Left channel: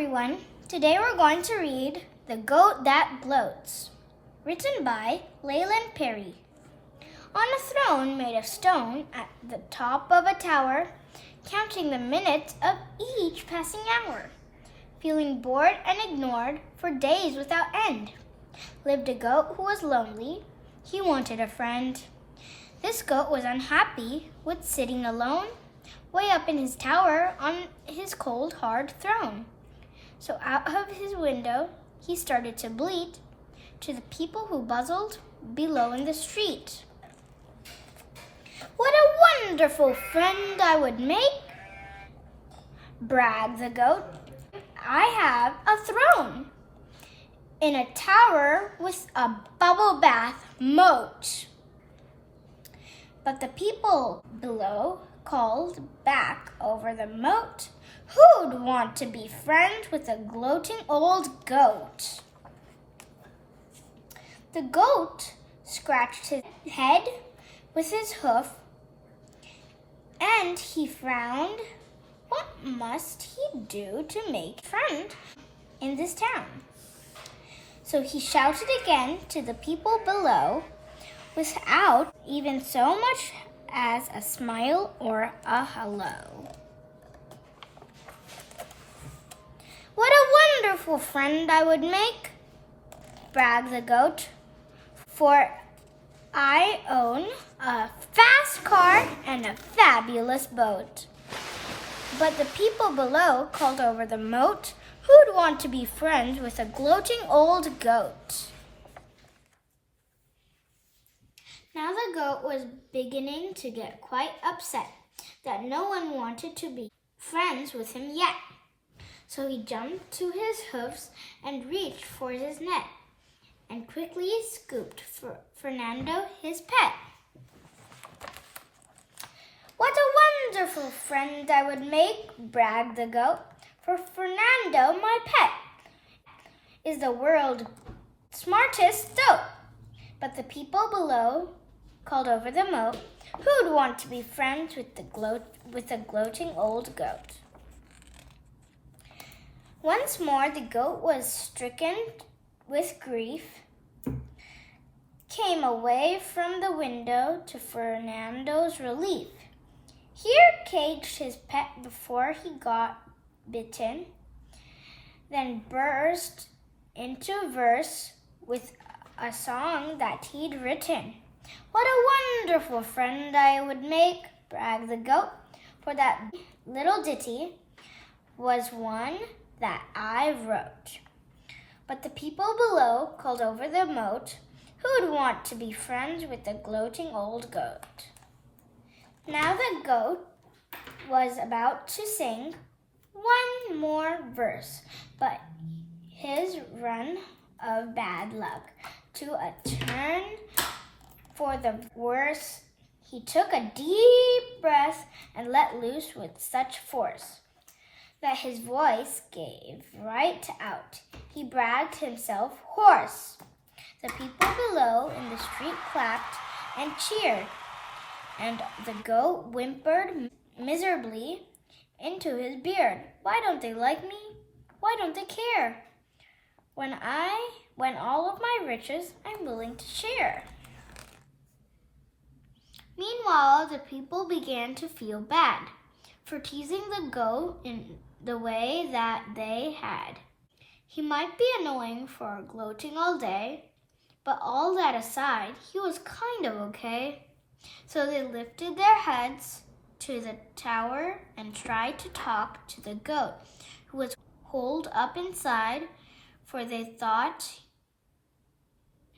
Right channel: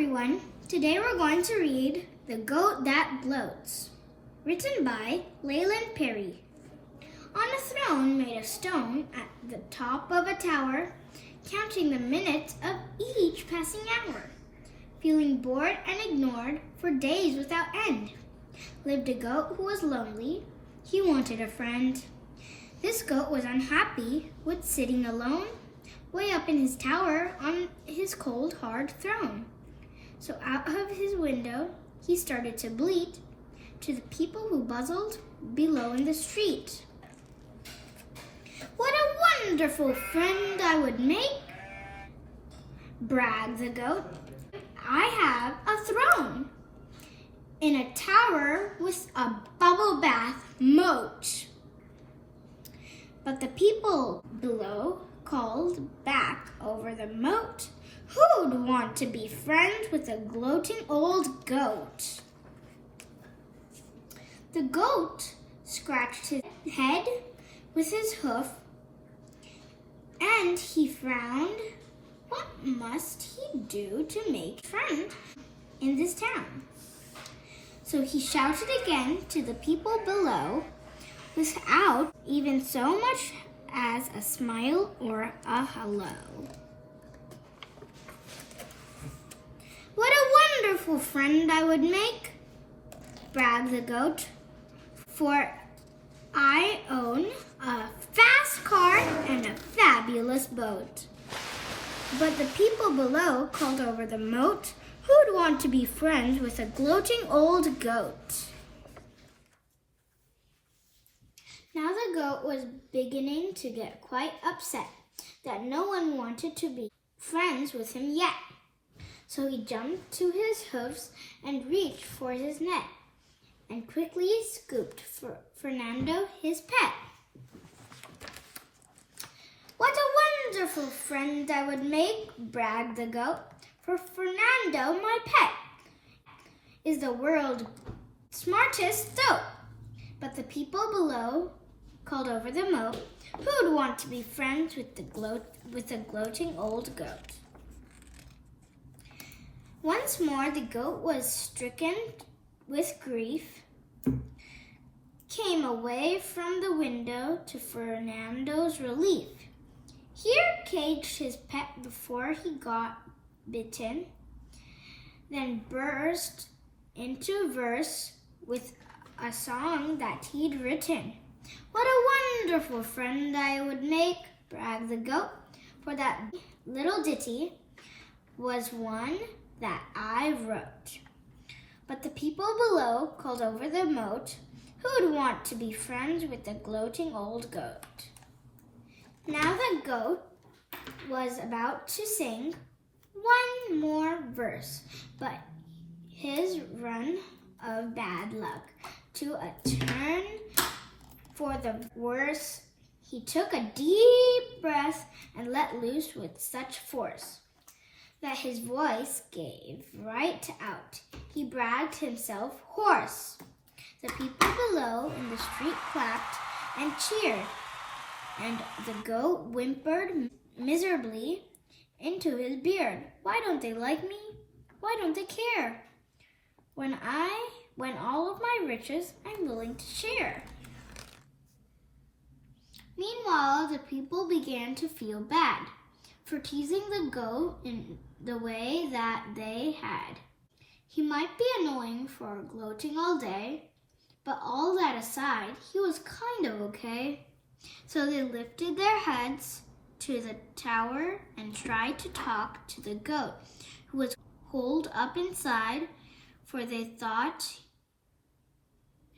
everyone. Today we're going to read The Goat That Gloats, written by Leland Perry. On a throne made of stone at the top of a tower, counting the minutes of each passing hour, feeling bored and ignored for days without end, lived a goat who was lonely. He wanted a friend. This goat was unhappy with sitting alone, way up in his tower on his cold, hard throne. So out of his window he started to bleat to the people who buzzed below in the street. "What a wonderful friend I would make," bragged the goat. "I have a throne in a tower with a bubble bath moat." But the people below called back over the moat, "Who'd want to be friends with a gloating old goat?" The goat scratched his head with his hoof, and he frowned. What must he do to make friends in this town? So he shouted again to the people below, without even so much as a smile or a hello. "What a wonderful friend I would make," bragged the goat, "for I own a fast car and a fabulous boat." But the people below called over the moat, "Who'd want to be friends with a gloating old goat?" Now the goat was beginning to get quite upset that no one wanted to be friends with him yet. So he jumped to his hoofs and reached for his net and quickly scooped Fernando, his pet. "What a wonderful friend I would make," bragged the goat, "for Fernando, my pet, is the world's smartest goat." But the people below called over the moat, "Who'd want to be friends with a gloating old goat?" Once more the goat was stricken with grief, came away from the window to Fernando's relief. Here caged his pet before he got bitten, then burst into verse with a song that he'd written. "What a wonderful friend I would make," bragged the goat, "for that little ditty was one that I wrote." But the people below called over the moat, "Who'd want to be friends with a gloating old goat?" Now the goat was about to sing one more verse, but his run of bad luck to a turn for the worse. He took a deep breath and let loose with such force that his voice gave right out. He bragged himself hoarse. The people below in the street clapped and cheered, and the goat whimpered miserably into his beard. "Why don't they like me? Why don't they care? When all of my riches I'm willing to share." Meanwhile, the people began to feel bad for teasing the goat in the way that they had. He might be annoying for gloating all day, but all that aside, he was kind of okay. So they lifted their heads to the tower and tried to talk to the goat, who was holed up inside, for they thought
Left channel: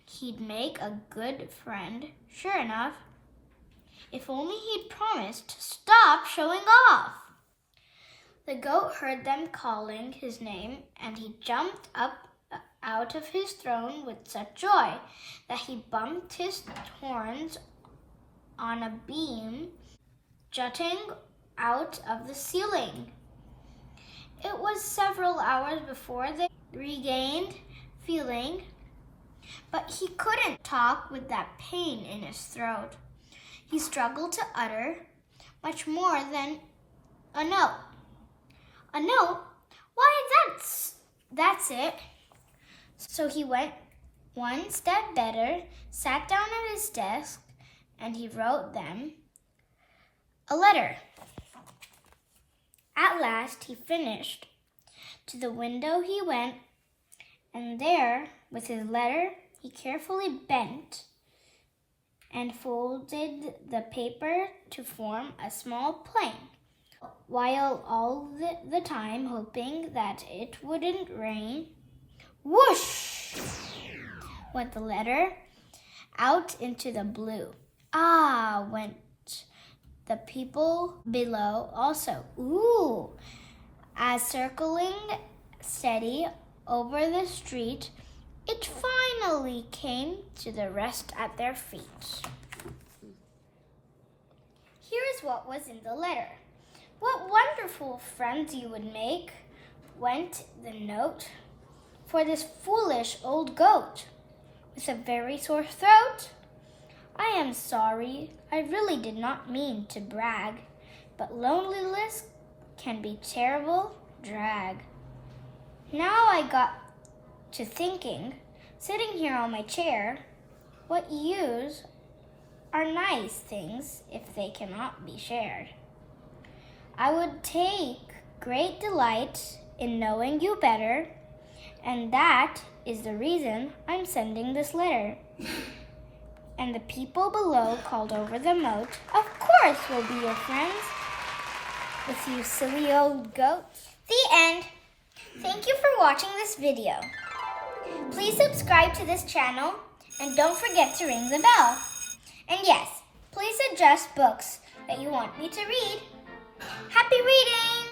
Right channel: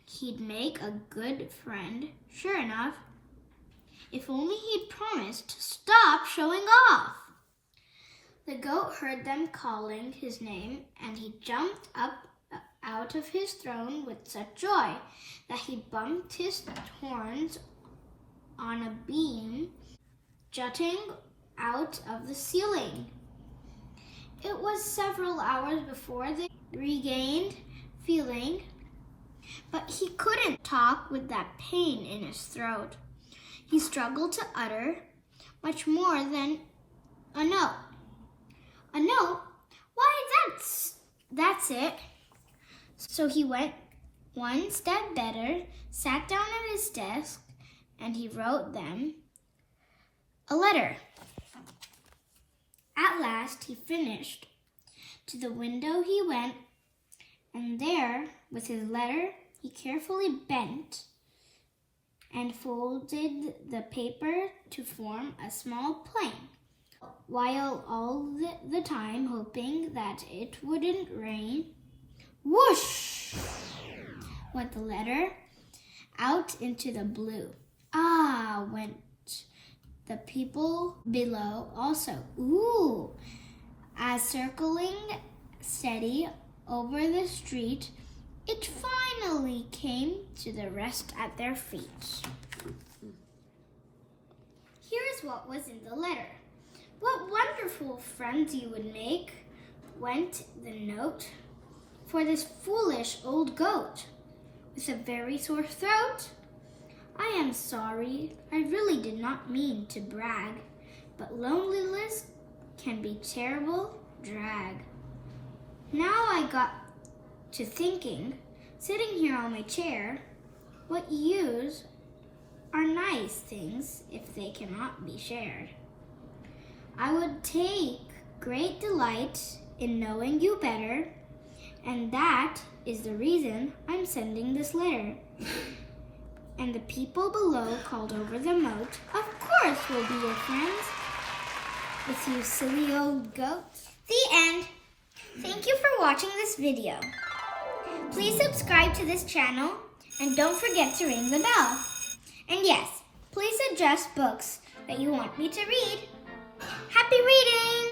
he'd make a good friend. Sure enough, if only he'd promised to stop showing off. The goat heard them calling his name, and he jumped up out of his throne with such joy that he bumped his horns on a beam jutting out of the ceiling. It was several hours before they regained feeling, but he couldn't talk with that pain in his throat. He struggled to utter much more than a note. A note? Why, that's That's it. So he went one step better, sat down at his desk, and he wrote them a letter. At last he finished. To the window he went, and there, with his letter, he carefully bent and folded the paper to form a small plane, while all the time hoping that it wouldn't rain. Whoosh! Went the letter out into the blue. Ah, went the people below also. Ooh! As circling steady over the street, it finally came to the rest at their feet. Here's what was in the letter. What wonderful friends you would make, went the note, for this foolish old goat with a very sore throat. I am sorry, I really did not mean to brag, but loneliness can be terrible drag. Now I got to thinking, sitting here on my chair, what use are nice things if they cannot be shared? I would take great delight in knowing you better, and that is the reason I'm sending this letter. And the people below called over the moat, of course we'll be your friends, with you silly old goats. The end. Thank you for watching this video. Please subscribe to this channel and don't forget to ring the bell. And yes, please suggest books that you want me to read. Happy reading!